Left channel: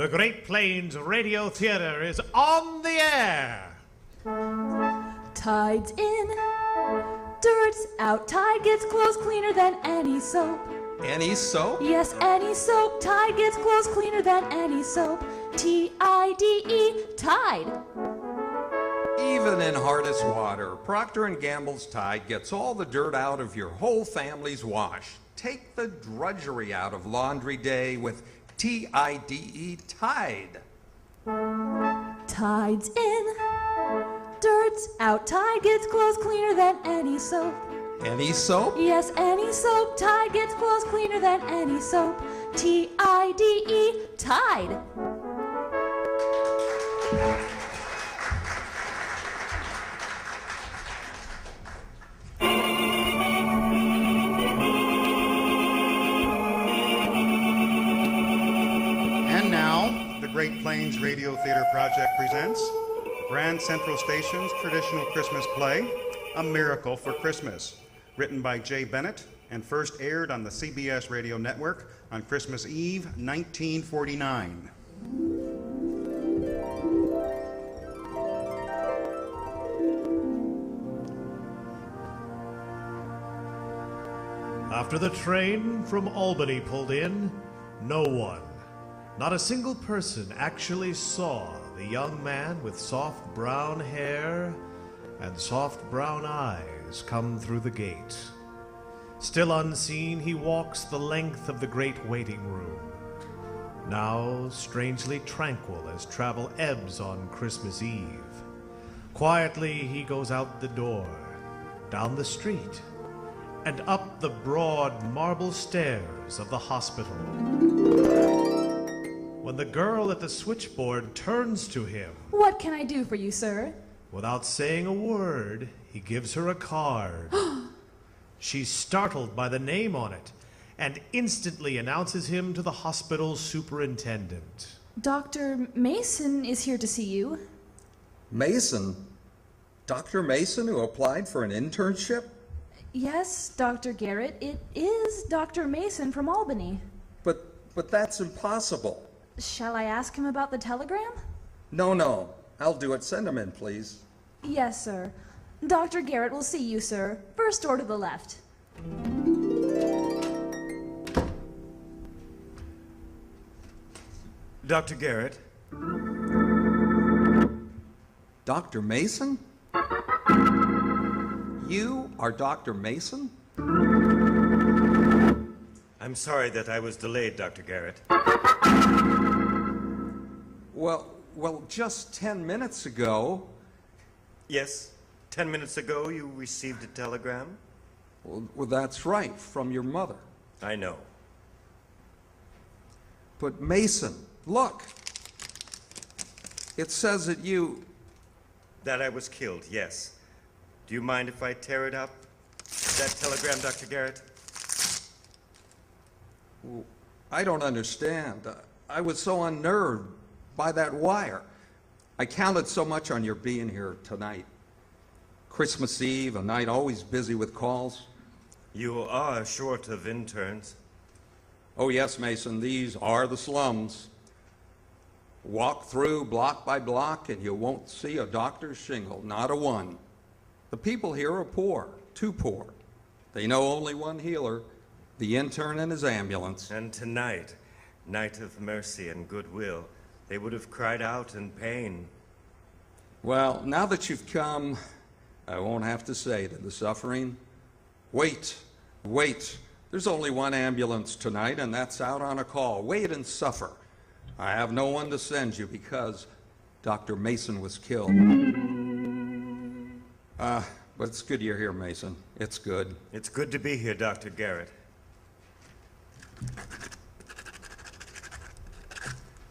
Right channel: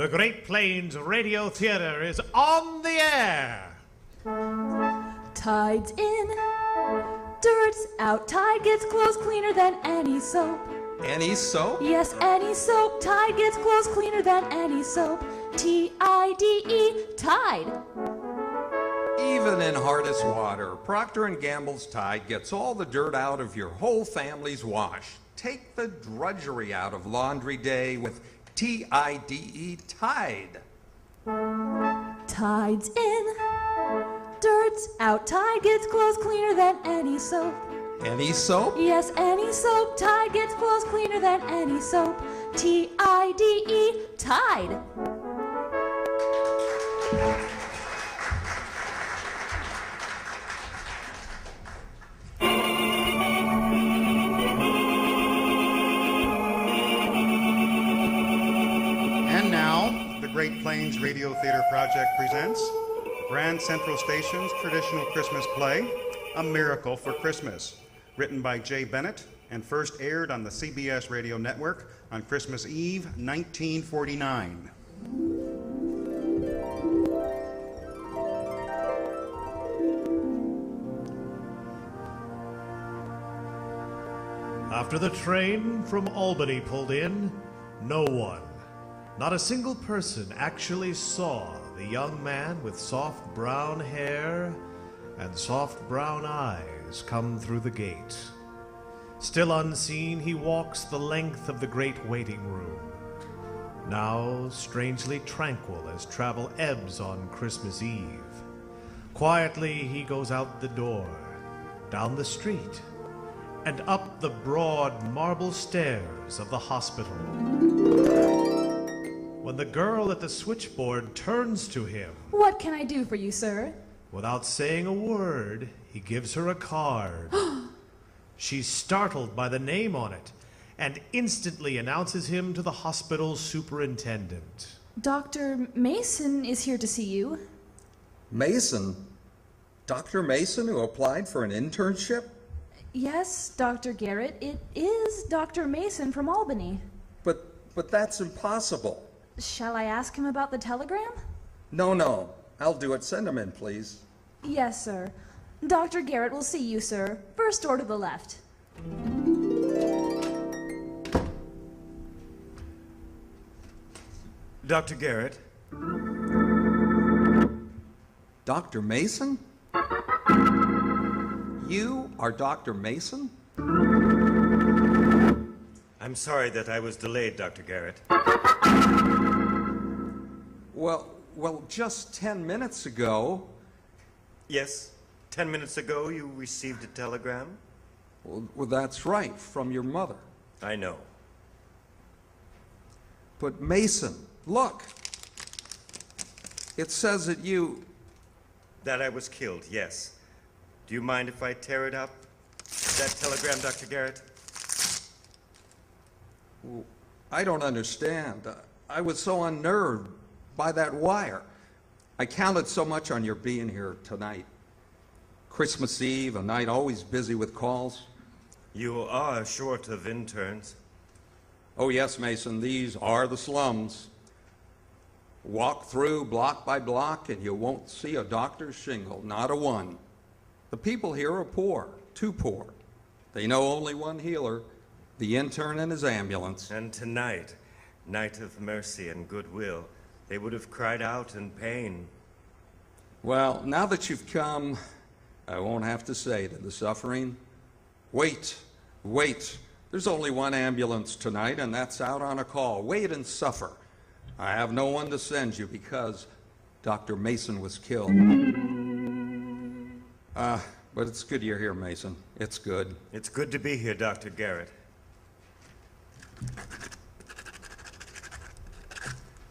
The Great Plains Radio Theater is on the air. Tide's in, dirt's out. Tide gets clothes cleaner than any soap. Any soap? Yes, any soap. Tide gets clothes cleaner than any soap. T-I-D-E, Tide. Even in hardest water, Procter & Gamble's Tide gets all the dirt out of your whole family's wash. Take the drudgery out of laundry day with T-I-D-E, Tide. Tide's in, dirt's out. Tide gets clothes cleaner than any soap. Any soap? Yes, any soap. Tide gets clothes cleaner than any soap. T-I-D-E, Tide. And now, the Great Plains Radio Theater Project presents Grand Central Station's traditional Christmas play, A Miracle for Christmas, written by Jay Bennett and first aired on the CBS radio network on Christmas Eve, 1949. After the train from Albany pulled in, no one, not a single person, actually saw the young man with soft brown hair and soft brown eyes come through the gate. Still unseen, he walks the length of the great waiting room, now strangely tranquil as travel ebbs on Christmas Eve. Quietly he goes out the door, down the street, and up the broad marble stairs of the hospital. When the girl at the switchboard turns to him, What can I do for you, sir? without saying a word, he gives her a card. She's startled by the name on it and instantly announces him to the hospital superintendent. Dr. Mason is here to see you. Mason? Dr. Mason, who applied for an internship? Yes, Dr. Garrett, it is Dr. Mason from Albany. But that's impossible. Shall I ask him about the telegram? No. I'll do it. Send him in, please. Yes, sir. Dr. Garrett will see you, sir. First door to the left. Dr. Garrett? Dr. Mason? You are Dr. Mason? I'm sorry that I was delayed, Dr. Garrett. Well, just 10 minutes ago. Yes, 10 minutes ago you received a telegram? Well, that's right, from your mother. I know. But Mason, look. It says that you... That I was killed, yes. Do you mind if I tear it up? That telegram, Dr. Garrett? Well, I don't understand. I was so unnerved by that wire. I counted so much on your being here tonight. Christmas Eve, a night always busy with calls. You are short of interns. Oh yes, Mason, these are the slums. Walk through block by block and you won't see a doctor's shingle, not a one. The people here are poor, too poor. They know only one healer, the intern and his ambulance. And tonight, night of mercy and goodwill, they would have cried out in pain. Well, now that you've come, I won't have to say to the suffering, wait. There's only one ambulance tonight, and that's out on a call. Wait and suffer. I have no one to send you because Dr. Mason was killed. But it's good you're here, Mason. It's good. It's good to be here, Dr. Garrett.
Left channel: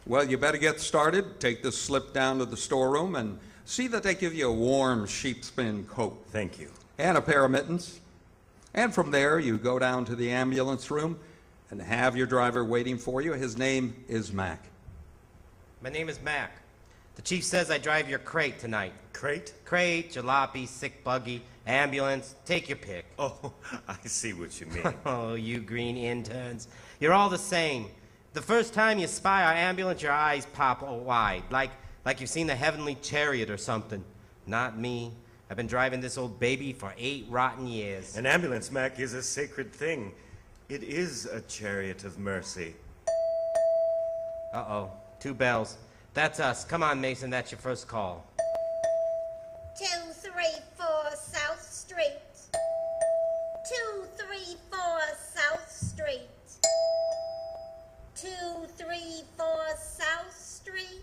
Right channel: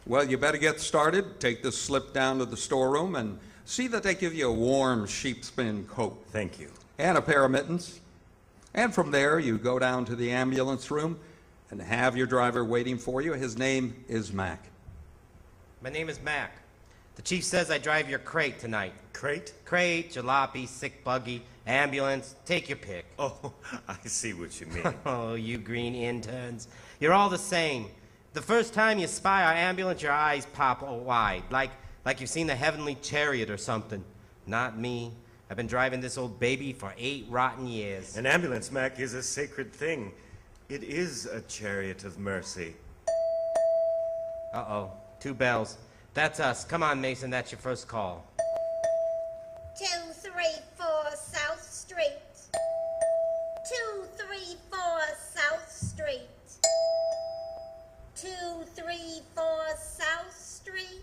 Well, you better get started. Take this slip down to the storeroom and see that they give you a warm sheepskin coat. Thank you. And a pair of mittens. And from there, you go down to the ambulance room and have your driver waiting for you. His name is Mac. My name is Mac. The chief says I drive your crate tonight. Crate? Crate, jalopy, sick buggy, ambulance, take your pick. Oh, I see what you mean. Oh, you green interns. You're all the same. The first time you spy our ambulance, your eyes pop wide, like you've seen the heavenly chariot or something. Not me. I've been driving this old baby for 8 rotten years. An ambulance, Mac, is a sacred thing. It is a chariot of mercy. Uh-oh. 2 bells. That's us. Come on, Mason. That's your first call. 234 South Street. 234 South Street. 234 South Street.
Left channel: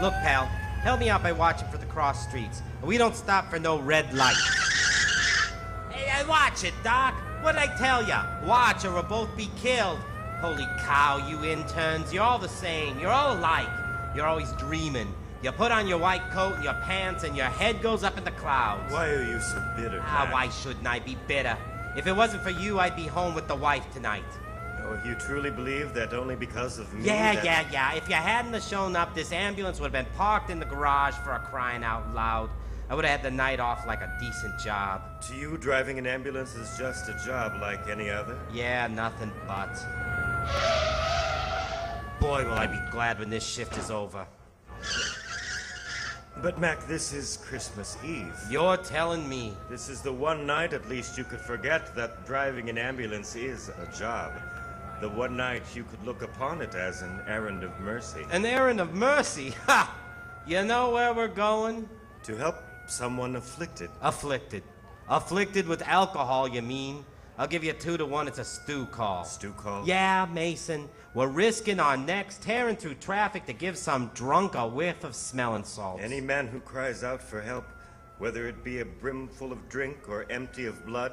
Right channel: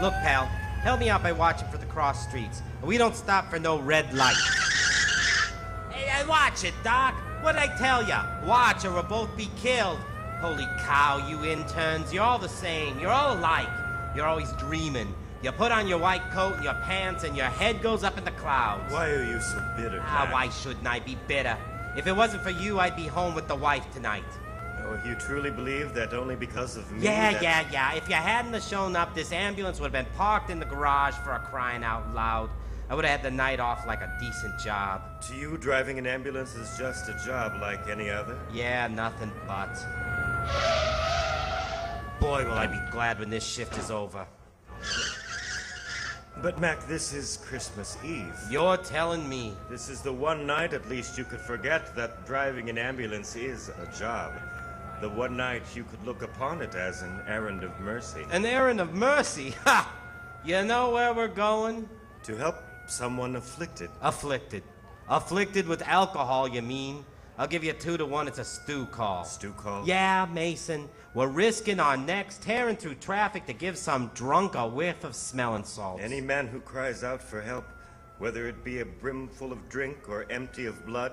Look, pal. Help me out by watching for the cross streets. We don't stop for no red light. Hey, watch it, Doc. What'd I tell ya? Watch or we'll both be killed. Holy cow, you interns. You're all the same. You're all alike. You're always dreaming. You put on your white coat and your pants and your head goes up in the clouds. Why are you so bitter, Ah, Mac? why shouldn't I be bitter? If it wasn't for you, I'd be home with the wife tonight. Oh, you truly believe that only because of me? Yeah. If you hadn't have shown up, this ambulance would have been parked in the garage for a crying out loud. I would have had the night off like a decent job. To you, driving an ambulance is just a job like any other. Yeah, nothing but. Boy, will I be glad when this shift is over. But, Mac, this is Christmas Eve. You're telling me. This is the one night at least you could forget that driving an ambulance is a job. The one night you could look upon it as an errand of mercy. An errand of mercy? Ha! You know where we're going? To help someone afflicted. Afflicted. Afflicted with alcohol, you mean? I'll give you 2 to 1, it's a stew call. Stew call? Yeah, Mason. We're risking our necks tearing through traffic to give some drunk a whiff of smelling salts. Any man who cries out for help, whether it be a brimful of drink or empty of blood,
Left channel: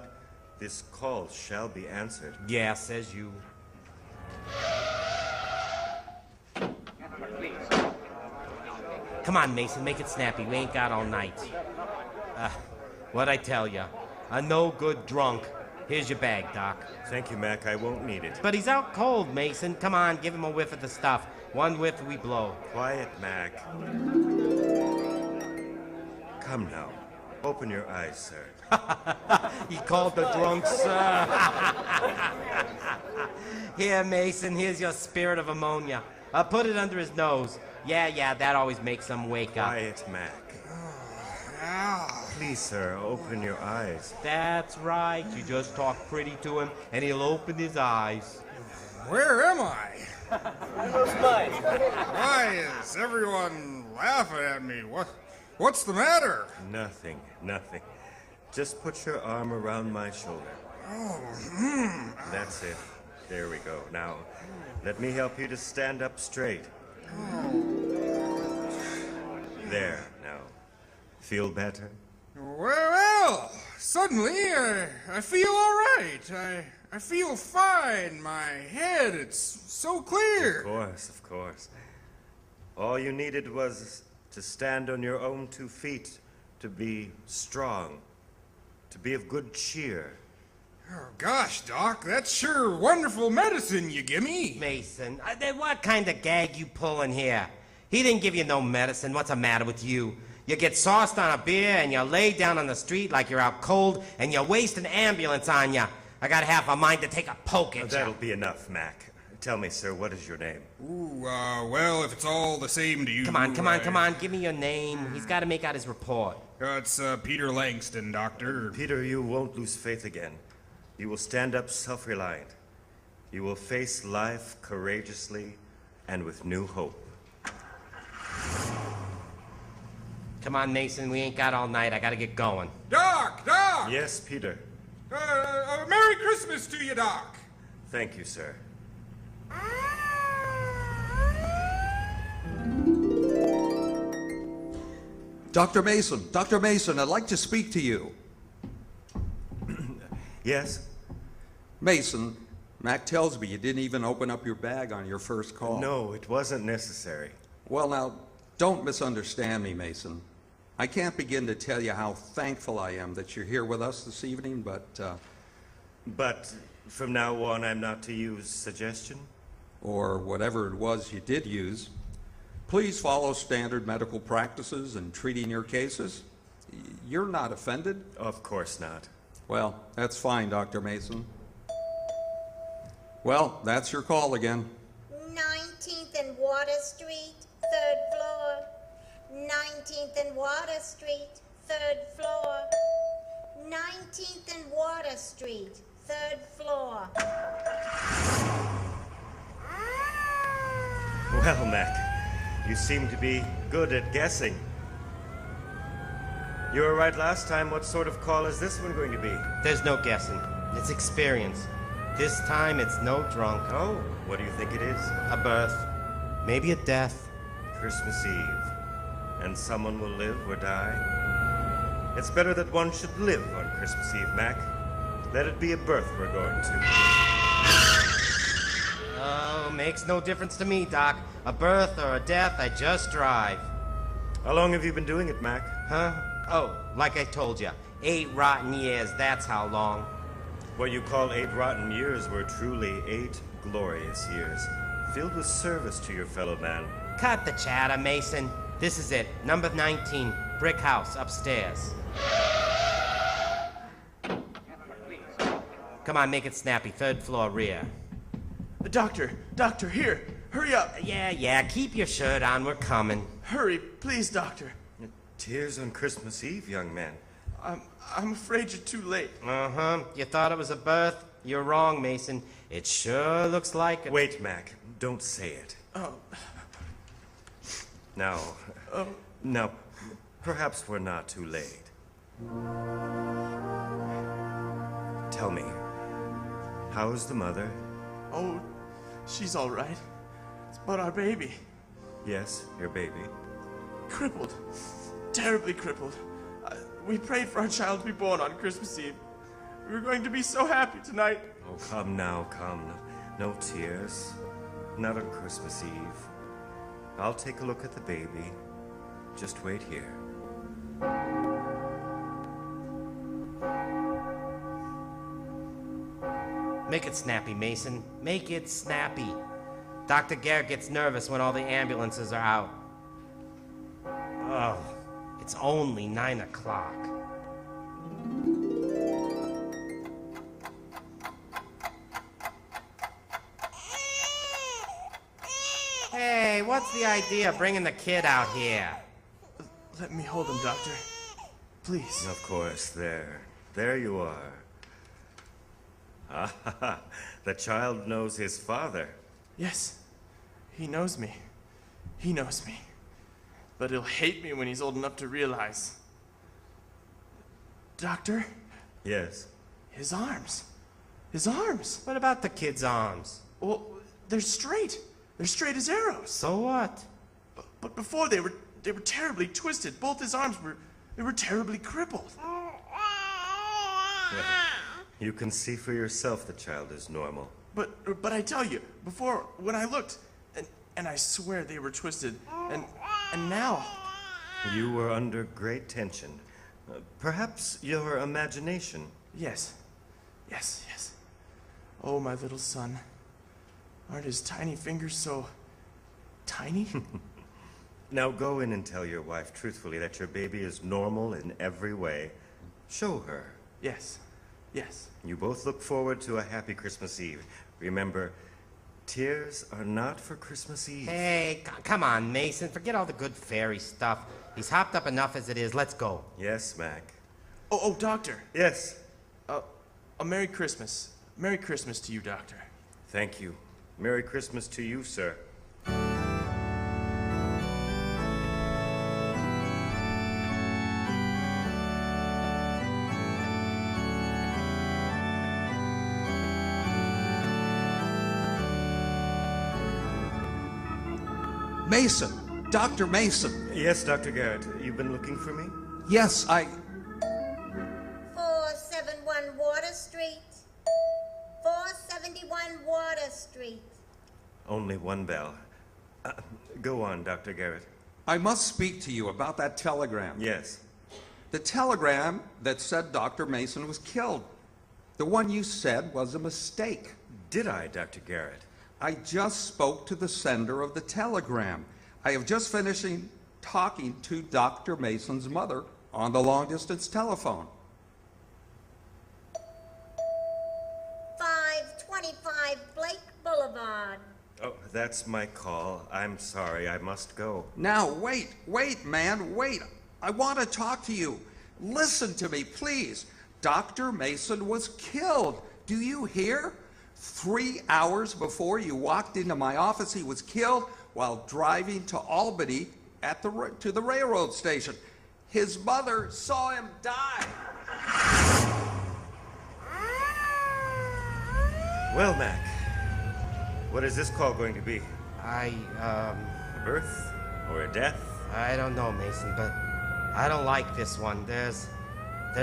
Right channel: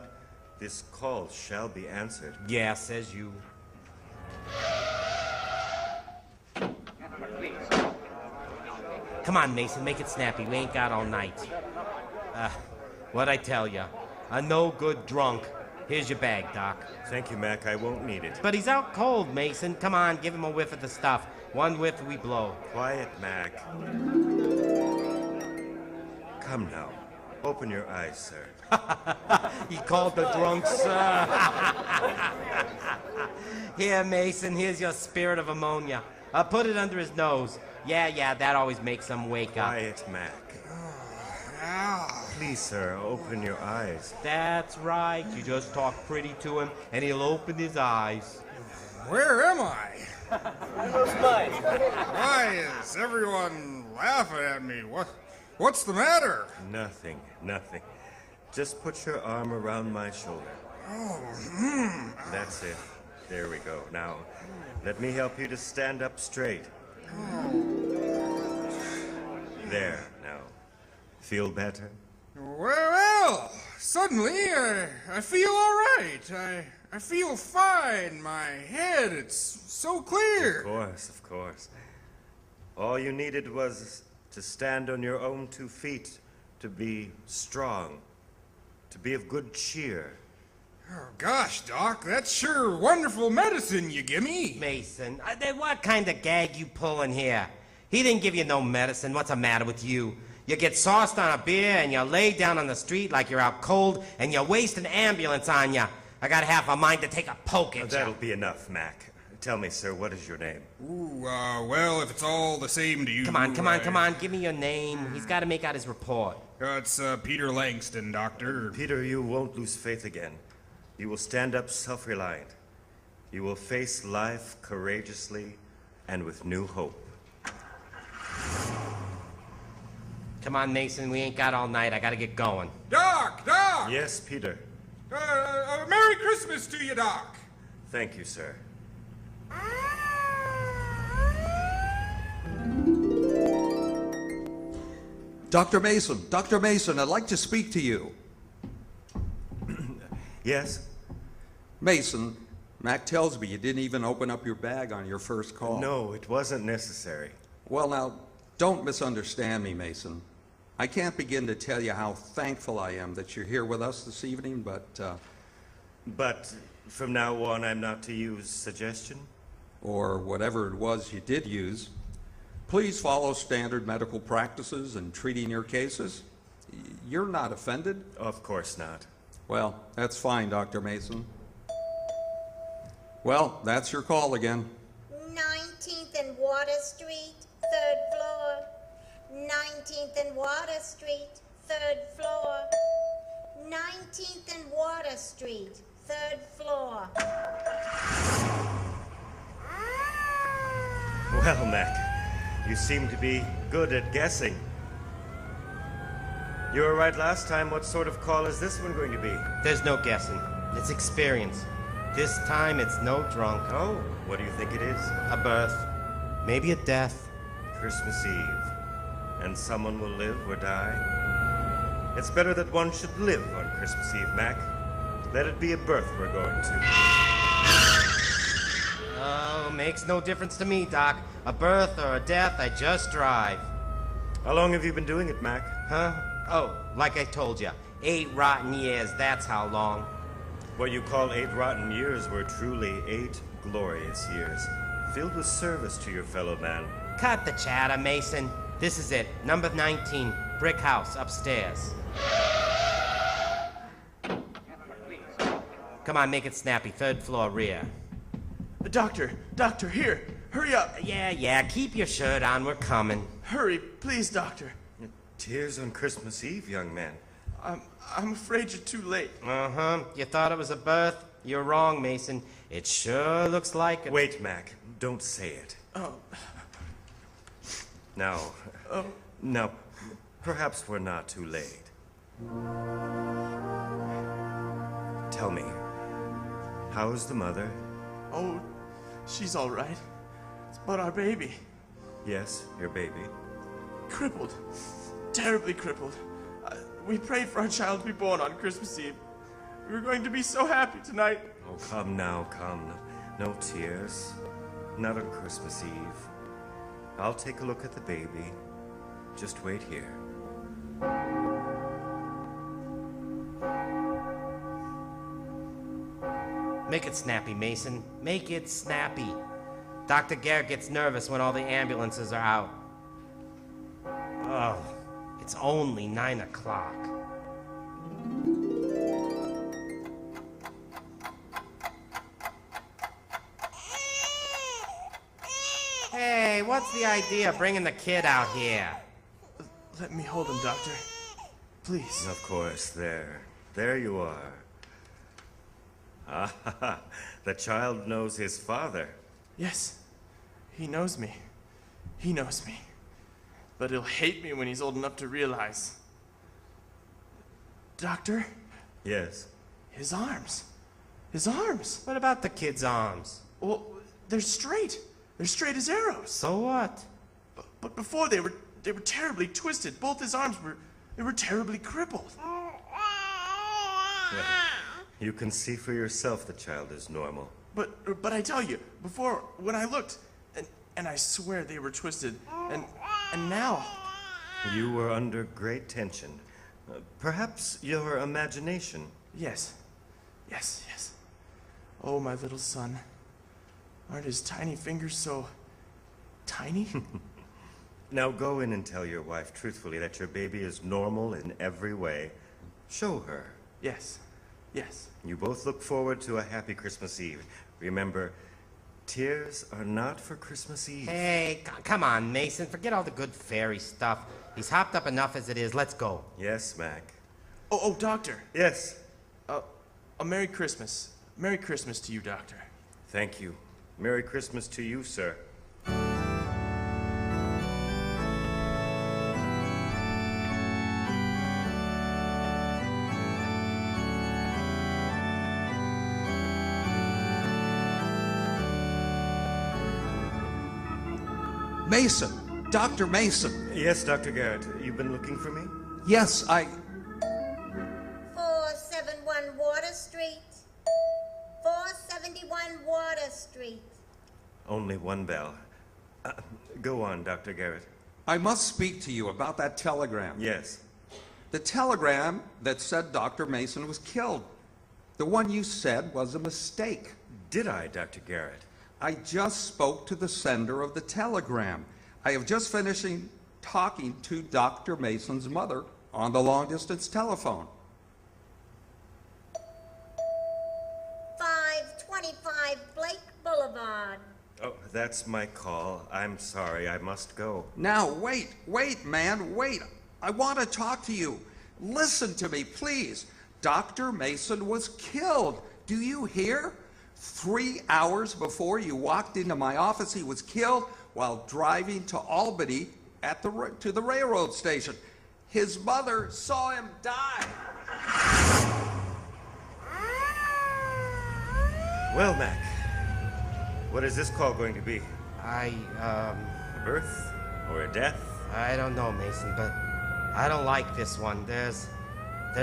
this call shall be answered. Yeah, says you. Come on, Mason, make it snappy. We ain't got all night. What'd I tell ya? A no good drunk. Here's your bag, Doc. Thank you, Mac. I won't need it. But he's out cold, Mason. Come on, give him a whiff of the stuff. 1 whiff, we blow. Quiet, Mac. Come now. Open your eyes, sir. He called the drunk, sir. Here, Mason, here's your spirit of ammonia. I'll put it under his nose. Yeah, that always makes him wake up. Quiet, Mac. Please, sir, open your eyes. That's right. You just talk pretty to him, and he'll open his eyes. Where am I? Why is everyone laughing at me? What's the matter? Nothing. Just put your arm around my shoulder. That's it. There we go. Now, let me help you to stand up straight. There, now. Feel better? Well, suddenly I feel all right. I feel fine. My head, it's so clear. Of course. All you needed was to stand on your own 2 feet, to be strong, to be of good cheer. Gosh, Doc, that's sure wonderful medicine you gimme. Mason, what kind of gag you pulling here? He didn't give you no medicine. What's the matter with you? You get sauced on a beer and you lay down on the street like you're out cold and you waste an ambulance on you. I got half a mind to take a poke at you. That'll be enough, Mac. Tell me, sir, what is your name? Ooh, well, if it's all the same to you... Come on, give me your name. He's got to make out his report. It's Peter Langston, Doctor. Peter, you won't lose faith again. You will stand up self-reliant. You will face life Courageously and with new hope. Come on, Mason, we ain't got all night. I got to get going. Doc! Yes, Peter. Merry Christmas to you, Doc. Thank you, sir. Dr. Mason, I'd like to speak to you. Yes? Mason, Mac tells me you didn't even open up your bag on your first call. No, it wasn't necessary. Well, now, don't misunderstand me, Mason. I can't begin to tell you how thankful I am that you're here with us this evening, But from now on, I'm not to use suggestion? or whatever it was you did use. Please follow standard medical practices in treating your cases. You're not offended? Of course not. Well, that's fine, Dr. Mason. Well, that's your call again. 19th and Water Street, 3rd floor. 19th and Water Street, 3rd floor. 19th and Water Street, 3rd floor. Well, Mac, you seem to be good at guessing. You were right last time. What sort of call is this one going to be? There's no guessing. It's experience. This time it's no drunk. Oh, what do you think it is? A birth. Maybe a death. Christmas Eve. And someone will live or die. It's better that one should live on Christmas Eve, Mac. Let it be a birth we're going to. Oh, makes no difference to me, Doc. A birth or a death, I just drive. How long have you been doing it, Mac? Huh? Oh, like I told you. 8 rotten years, that's how long. What you call 8 rotten years were truly 8 glorious years, filled with service to your fellow man. Cut the chatter, Mason. This is it. Number 19, brick house upstairs. Come on, make it snappy. 3rd floor rear. Doctor, here. Hurry up. Yeah, keep your shirt on. We're coming. Hurry, please, doctor. Tears on Christmas Eve, young man. I'm afraid you're too late. Uh-huh. You thought it was a birth? You're wrong, Mason. It sure looks like it. Wait, Mac. Don't say it. Oh. No, perhaps we're not too late. Tell me, how's the mother? Oh, she's all right. But our baby, Yes, your baby. crippled. Terribly crippled. We prayed for our child to be born on Christmas Eve. We were going to be so happy tonight. Oh, come now, come. No tears. Not on Christmas Eve. I'll take a look at the baby. Just wait here. Make it snappy, Mason. Make it snappy. Dr. Garrett gets nervous when all the ambulances are out. Oh, it's only 9 o'clock. Hey, what's the idea of bringing the kid out here? Let me hold him, doctor. Please. Of course, there you are. Ah, the child knows his father. Yes, he knows me. He knows me. But he'll hate me when he's old enough to realize. Doctor, Yes. his arms. His arms. What about the kid's arms? Well, they're straight. They're straight as arrows. So what? But before they were terribly twisted. Both his arms were terribly crippled. You can see for yourself the child is normal. But I tell you, before when I looked, and I swear they were twisted, and now. You were under great tension. Perhaps your imagination. Yes. Oh, my little son. Aren't his tiny fingers so tiny? Now go in and tell your wife truthfully that your baby is normal in every way. Show her. Yes. You both look forward to a happy Christmas Eve. Remember, tears are not for Christmas Eve. Hey, come on, Mason. Forget all the good fairy stuff. He's hopped up enough as it is. Let's go. Yes, Mac. Oh, doctor. Yes. A Merry Christmas. Merry Christmas to you, doctor. Thank you. Merry Christmas to you, sir. Mason! Dr. Mason! Yes, Dr. Garrett. You've been looking for me? Yes, 471 Water Street. 471 Water Street. Only one bell. Go on, Dr. Garrett. I must speak to you about that telegram. Yes. The telegram that said Dr. Mason was killed. The one you said was a mistake. Did I, Dr. Garrett? I just spoke to the sender of the telegram. I have just finished talking to Dr. Mason's mother on the long-distance telephone. 25 Blake Boulevard. Oh, that's my call. I'm sorry, I must go. Now, wait, man, wait. I want to talk to you. Listen to me, please. Dr. Mason was killed. Do you hear? 3 hours before you walked into my office, he was killed while driving to Albany to the railroad station. His mother saw him die. Well, Mac, what is this call going to be? A birth or a death? I don't know, Mason, but I don't like this one. There's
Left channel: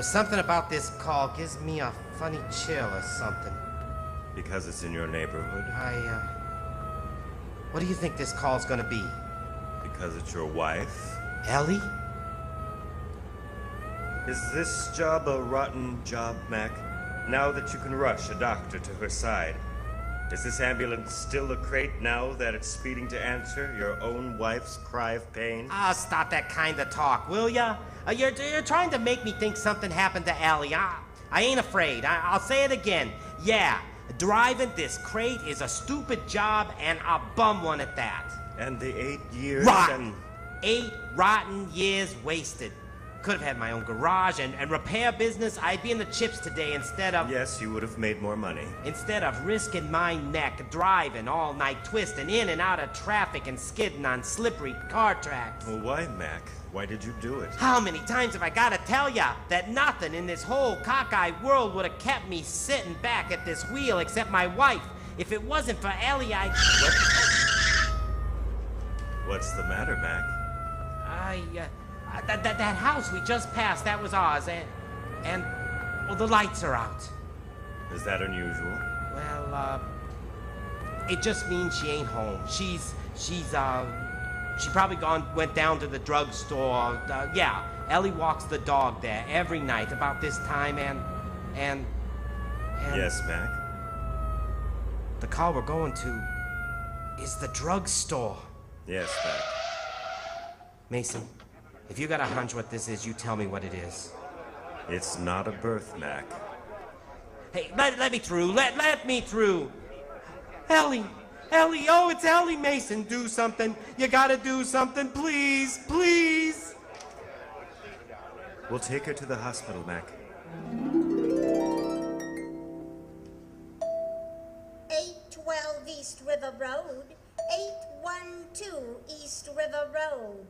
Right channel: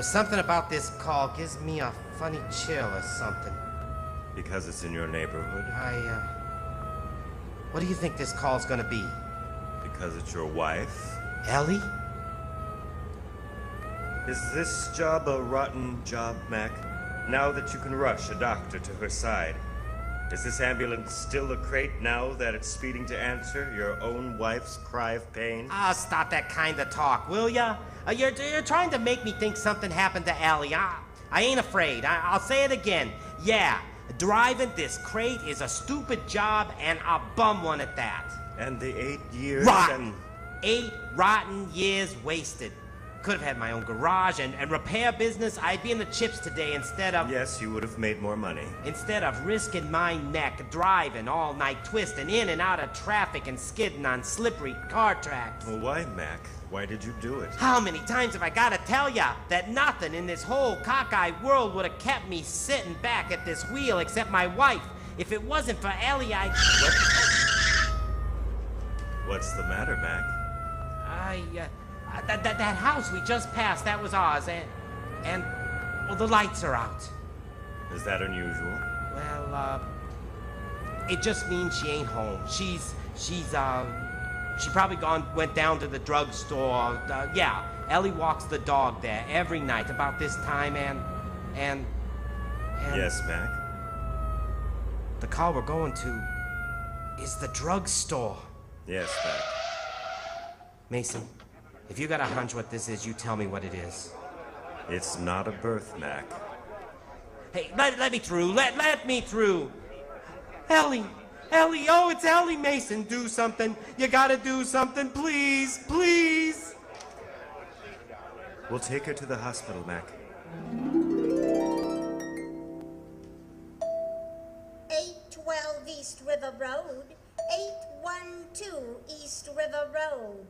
something about this call gives me a funny chill or something. Because it's in your neighborhood? What do you think this call's gonna be? Because it's your wife? Ellie? Is this job a rotten job, Mac? Now that you can rush a doctor to her side, is this ambulance still a crate now that it's speeding to answer your own wife's cry of pain? Stop that kind of talk, will ya? You're trying to make me think something happened to Ellie. I ain't afraid. I'll say it again. Yeah, driving this crate is a stupid job and a bum one at that. And the 8 years... Rotten! 8 rotten years wasted. Could have had my own garage and repair business. I'd be in the chips today instead of... Yes, you would have made more money. Instead of risking my neck, driving all night, twisting in and out of traffic and skidding on slippery car tracks. Well, why, Mac? Why did you do it? How many times have I got to tell ya that nothing in this whole cockeyed world would have kept me sitting back at this wheel except my wife? If it wasn't for Ellie, What's the matter, Mac? That house we just passed, that was ours, and well, the lights are out. Is that unusual? Well, it just means she ain't home. She probably went down to the drugstore. Yeah, Ellie walks the dog there every night about this time, and Yes, Mac? the call we're going to is the drugstore. Yes, Mac. Mason, if you got a hunch what this is, you tell me what it is. It's not a birth, Mac. Hey, let me through. Let me through. Ellie, oh, it's Ellie Mason. Do something. You gotta do something, please, please. We'll take her to the hospital, Mac. 812 East River Road. 812 East River Road.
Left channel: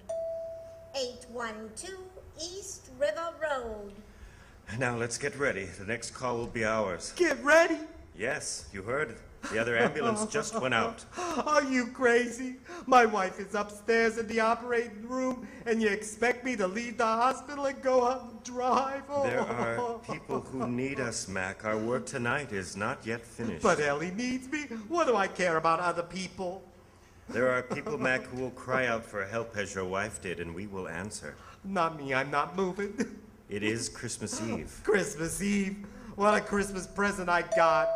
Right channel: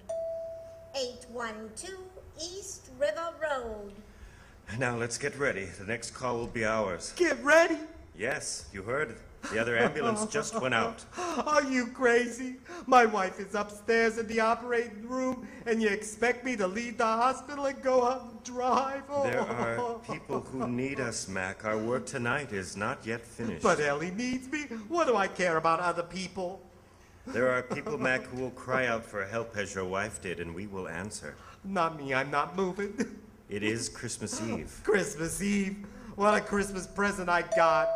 812 East River Road. Now let's get ready. The next call will be ours. Get ready. Yes, you heard. The other ambulance just went out. Are you crazy? My wife is upstairs in the operating room, and you expect me to leave the hospital and go out and drive? There are people who need us, Mac. Our work tonight is not yet finished. But Ellie needs me. What do I care about other people? There are people, Mac, who will cry out for help as your wife did, and we will answer. Not me. I'm not moving. It is Christmas Eve. Christmas Eve. What a Christmas present I got.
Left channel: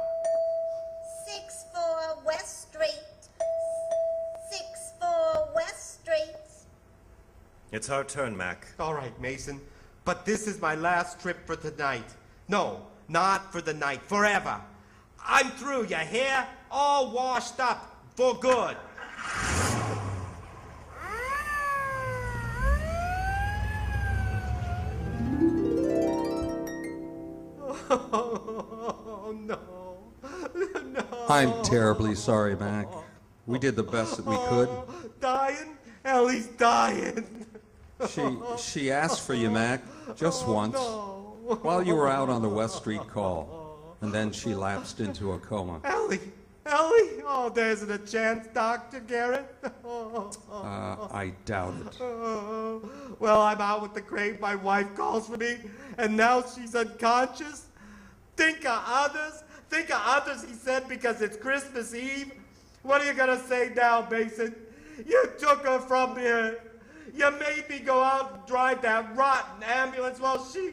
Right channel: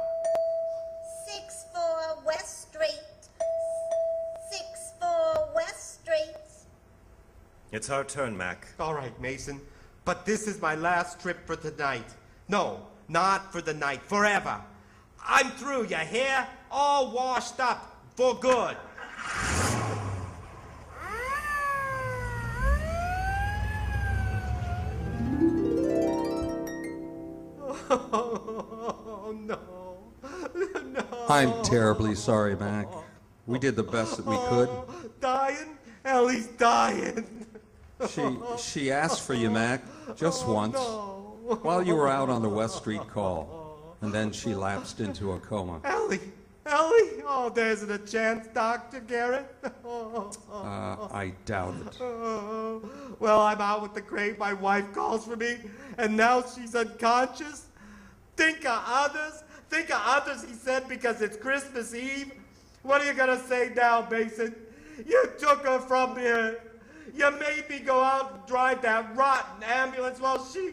64 West Street. 64 West Street. It's our turn, Mac. All right, Mason. But this is my last trip for tonight. No, not for the night. Forever. I'm through, you hear? All washed up. For good. Oh, no. No. I'm terribly sorry, Mac. We did the best that we could. Dying? Ellie's dying. She asked for you, Mac, just once, while you were out on the West Street call. And then she lapsed into a coma. Ellie? Oh, there isn't a chance, Dr. Garrett. I doubt it. Well, I'm out with the crate. My wife calls for me, and now she's unconscious. Think of others, he said, because it's Christmas Eve. What are you going to say now, Mason? You took her from here. You made me go out and drive that rotten ambulance while she...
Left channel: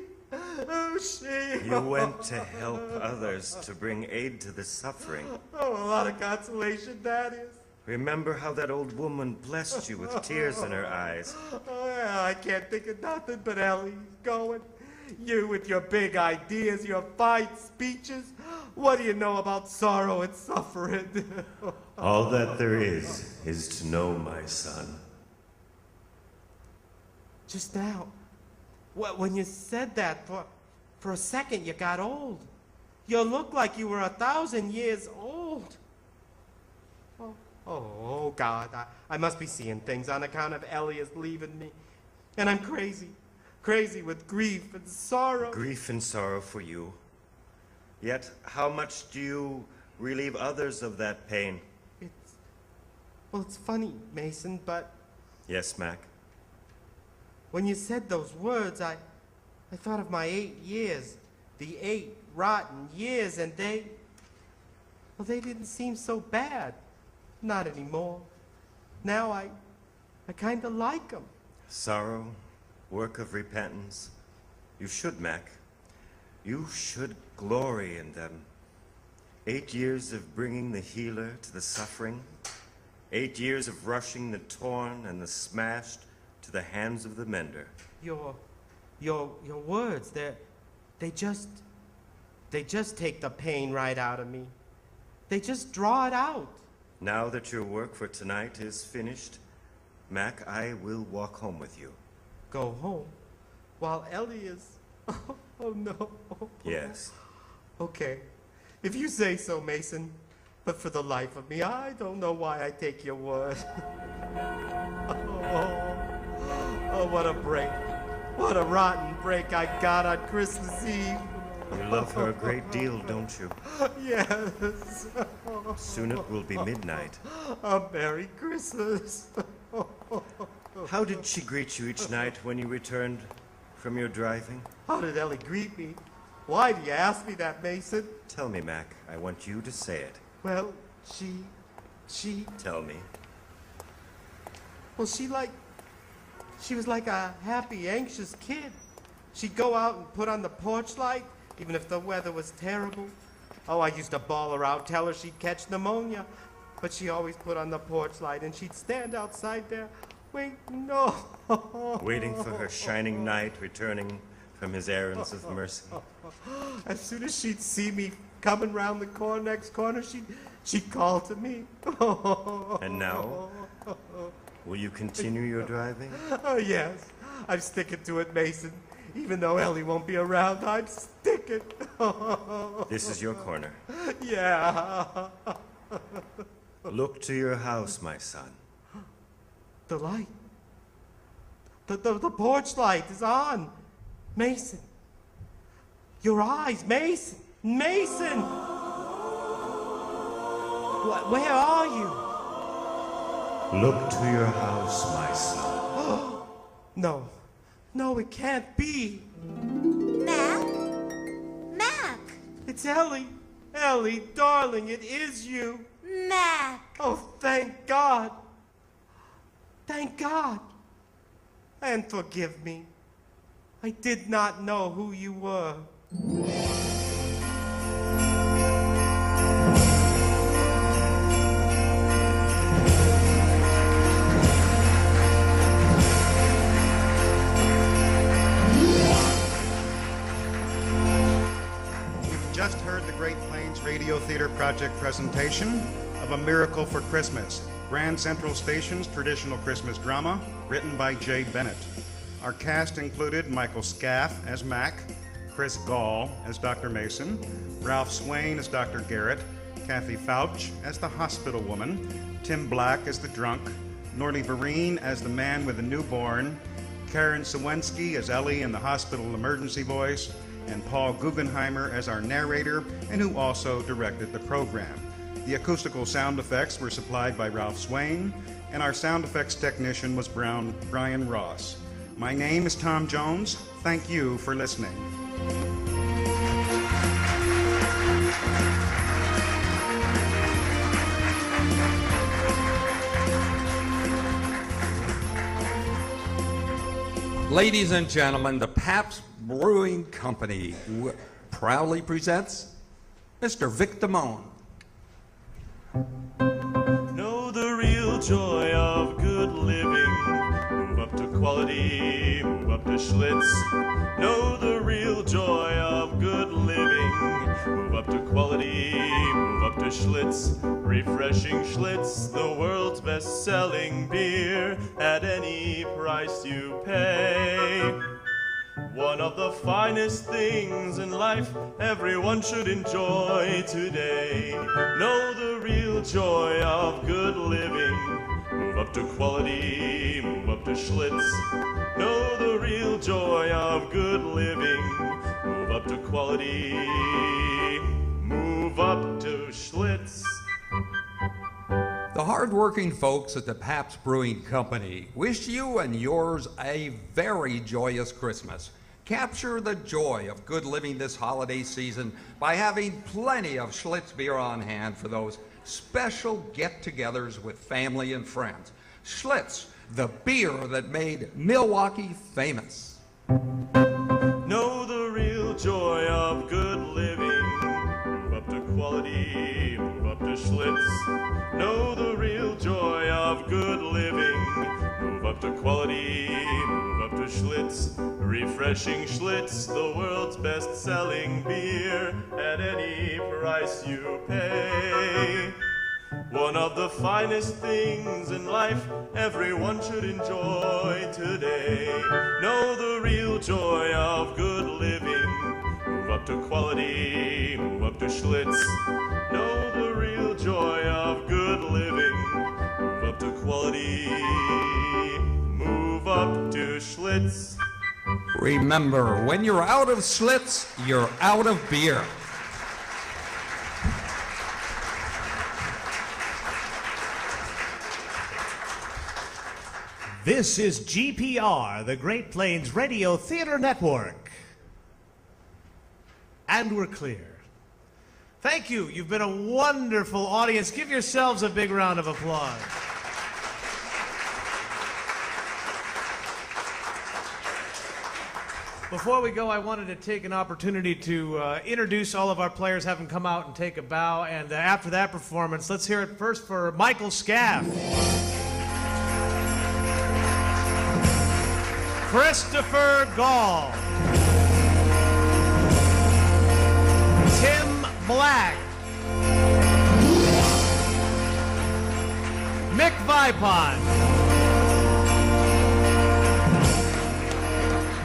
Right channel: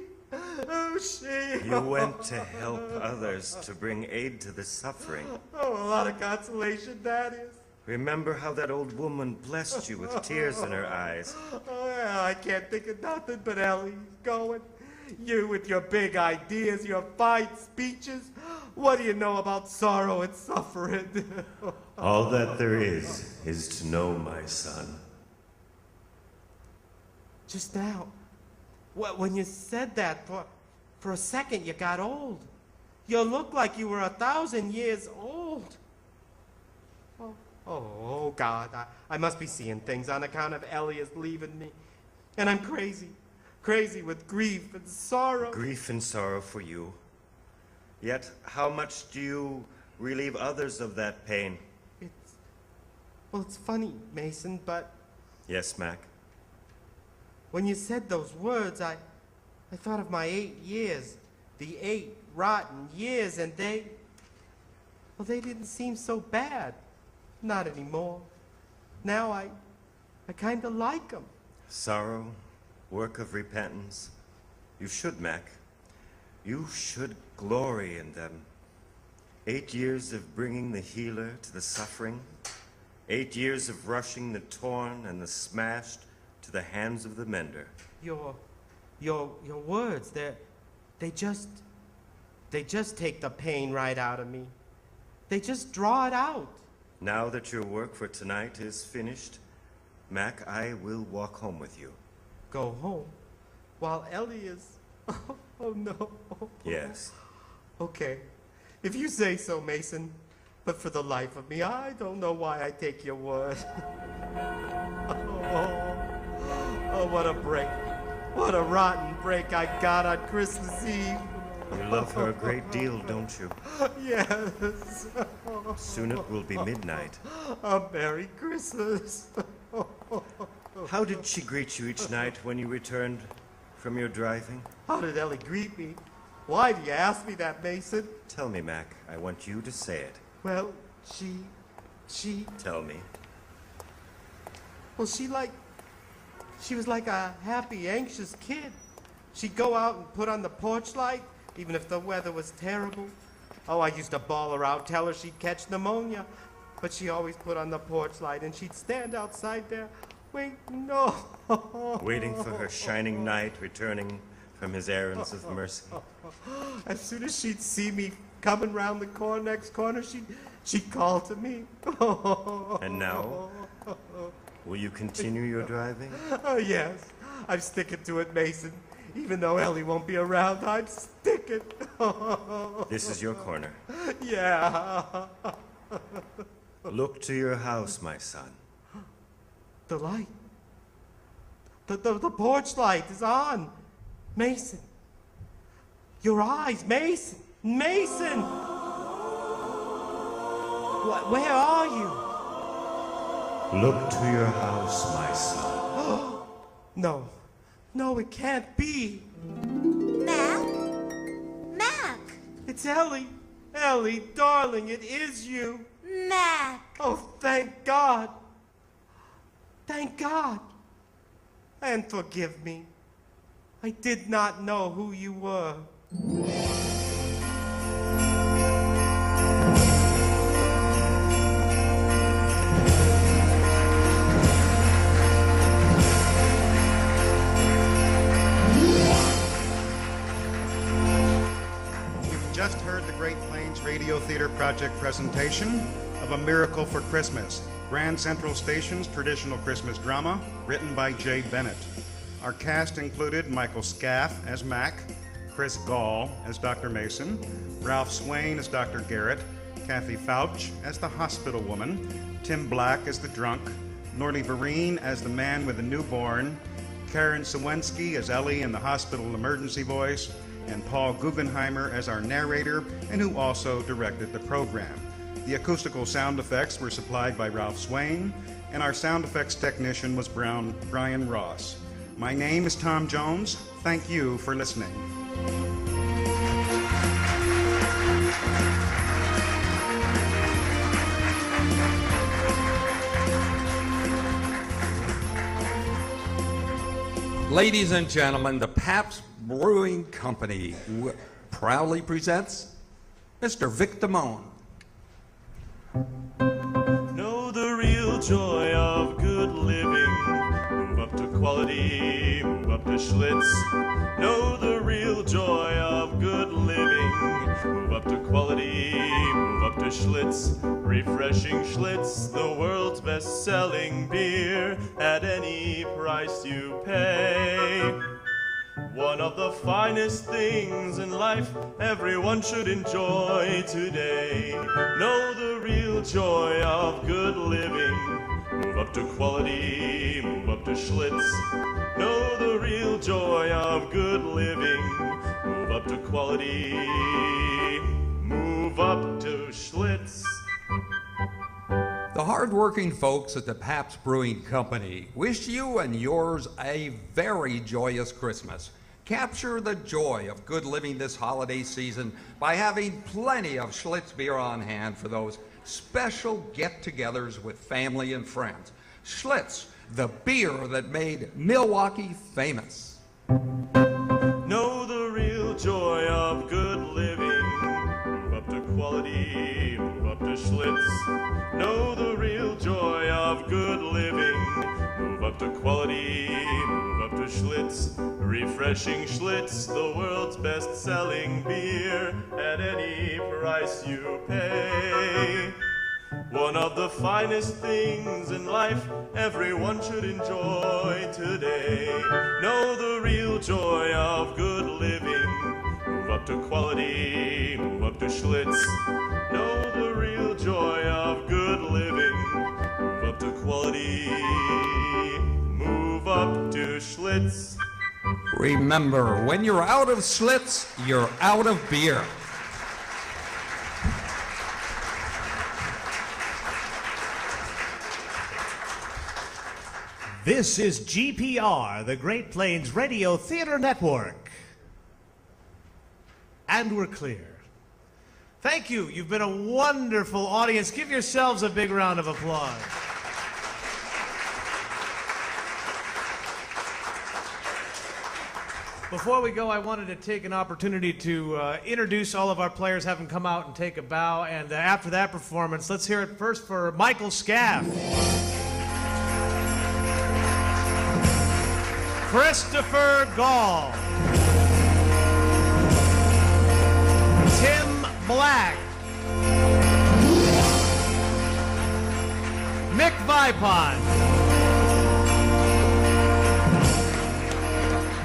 You went to help others, to bring aid to the suffering. Oh, a lot of consolation, that is. Remember how that old woman blessed you with tears in her eyes. Oh, I can't think of nothing but Ellie's going. You with your big ideas, your fine speeches. What do you know about sorrow and suffering? All that there is to know, my son. Just now, when you said that, for a second you got old. You looked like you were 1,000 years old. Oh, God, I must be seeing things on account of Elias leaving me. And I'm crazy with grief and sorrow. Grief and sorrow for you. Yet, how much do you relieve others of that pain? It's funny, Mason, but Yes, Mac. when you said those words, I thought of my 8 years. The 8 rotten years, and they didn't seem so bad. Not anymore. Now I kind of like them. Sorrow, work of repentance. You should, Mac. You should glory in them. 8 years of bringing the healer to the suffering. 8 years of rushing the torn and the smashed to the hands of the mender. Your words, they just take the pain right out of me. They just draw it out. Now that your work for tonight is finished, Mac, I will walk home with you. Go home? While Ellie is... Oh, no. Yes. Okay. If you say so, Mason. But for the life of me, I don't know why I take your word. Oh, what a break. What a rotten break I got on Christmas Eve. You love her a great deal, don't you? Yes. Soon it will be midnight. A Merry Christmas. How did she greet you each night when you returned from your driving? How did Ellie greet me? Why do you ask me that, Mason? Tell me, Mac. I want you to say it. Well, she... Tell me. Well, she was like a happy, anxious kid. She'd go out and put on the porch light, even if the weather was terrible. Oh, I used to bawl her out, tell her she'd catch pneumonia. But she always put on the porch light, and she'd stand outside there, waiting Waiting for her shining knight returning from his errands of mercy. As soon as she'd see me coming round the next corner, she'd call to me. And now, will you continue your driving? Oh, yes. I'm sticking to it, Mason. Even though Ellie won't be around, I'm sticking. This is your corner. Yeah. Look to your house, my son. The light. The porch light is on. Mason. Your eyes, Mason. Mason! Where are you? Look to your house, my son. No, it can't be. Mac? Mac! It's Ellie. Ellie, darling, it is you. Mac! Oh, thank God. Thank God. And forgive me. I did not know who you were. Project presentation of A Miracle for Christmas, Grand Central Station's traditional Christmas drama, written by Jay Bennett. Our cast included Michael Scaff as Mac, Chris Gall as Dr. Mason, Ralph Swain as Dr. Garrett, Kathy Fouch as the hospital woman, Tim Black as the drunk, Nordy Vereen as the man with the newborn, Karen Sawensky as Ellie in the hospital emergency voice, and Paul Guggenheimer as our narrator, and who also directed the program. The acoustical sound effects were supplied by Ralph Swain, and our sound effects technician was Brian Ross. My name is Tom Jones. Thank you for listening. Ladies and gentlemen, the Pabst Brewing Company proudly presents Mr. Vic Damone. Know the real joy of good living. Move up to quality, move up to Schlitz. Know the real joy quality. Move up to Schlitz, refreshing Schlitz, the world's best-selling beer at any price you pay. One of the finest things in life everyone should enjoy today. Know the real joy of good living. Move up to quality, move up to Schlitz. Know the real joy of good living. Move up to quality, move up to Schlitz. The hard-working folks at the Pabst Brewing Company wish you and yours a very joyous Christmas. Capture the joy of good living this holiday season by having plenty of Schlitz beer on hand for those special get-togethers with family and friends. Schlitz, the beer that made Milwaukee famous. Know the real joy of good living. Move up to quality, move up to Schlitz. Know the real joy of good living. Move up to quality, move up to Schlitz. Refreshing Schlitz, the world's best-selling beer at any price you pay. One of the finest things in life everyone should enjoy today. Know the real joy of good living. Move up to quality, move up to Schlitz. Know the real joy of good living. Move up to quality, move up to Schlitz. Remember, when you're out of Schlitz, you're out of beer. This is GPR, the Great Plains Radio Theater Network. And we're clear. Thank you. You've been a wonderful audience. Give yourselves a big round of applause. Before we go, I wanted to take an opportunity to introduce all of our players, have them come out and take a bow. And after that performance, let's hear it first for Michael Scaff. Christopher Gall. Tim Black. Mick Vipon.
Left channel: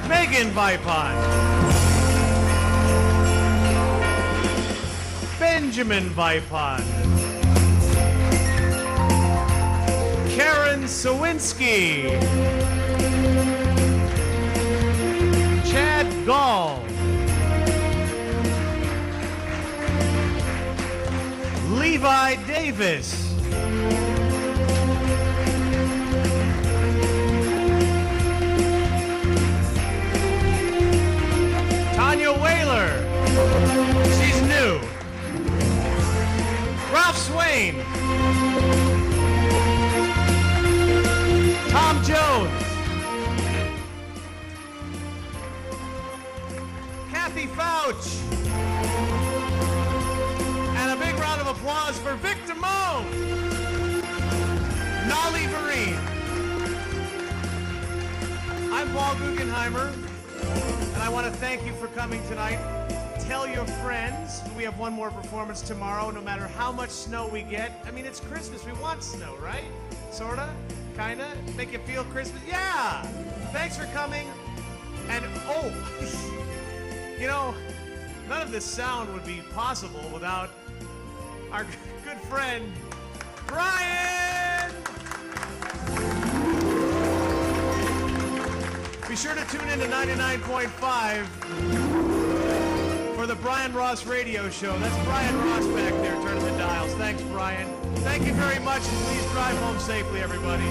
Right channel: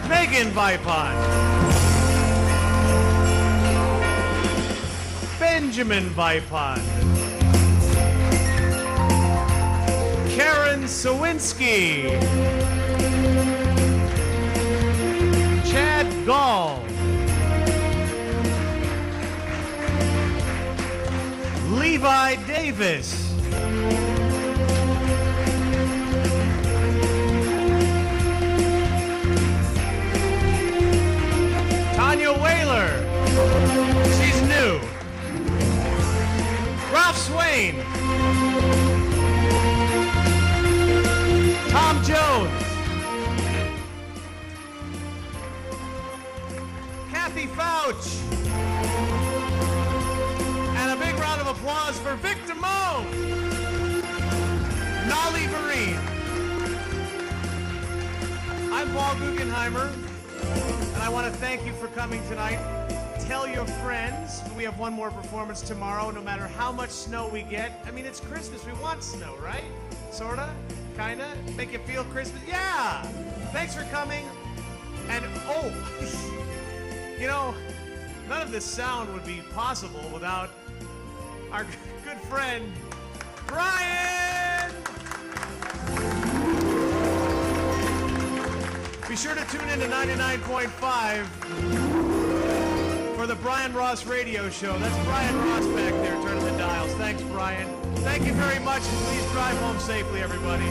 Megan Vipon. Benjamin Vipon. Karen Sawinski. Chad Gall. Levi Davis. Tanya Whaler. She's new. Ralph Swain. Tom Jones. Kathy Fouch. And a big round of applause for Vic Damone. Nolly Marine. I'm Paul Guggenheimer, and I want to thank you for coming tonight. Tell your friends. We have one more performance tomorrow, no matter how much snow we get. I mean, it's Christmas. We want snow, right? Sorta? Kinda? Make it feel Christmas? Yeah! Thanks for coming. And, oh, you know, none of this sound would be possible without our good friend, Brian! Be sure to tune in to 99.5 for the Brian Ross Radio Show. That's Brian Ross back there, turning the dials. Thanks, Brian. Thank you very much, and please drive home safely, everybody.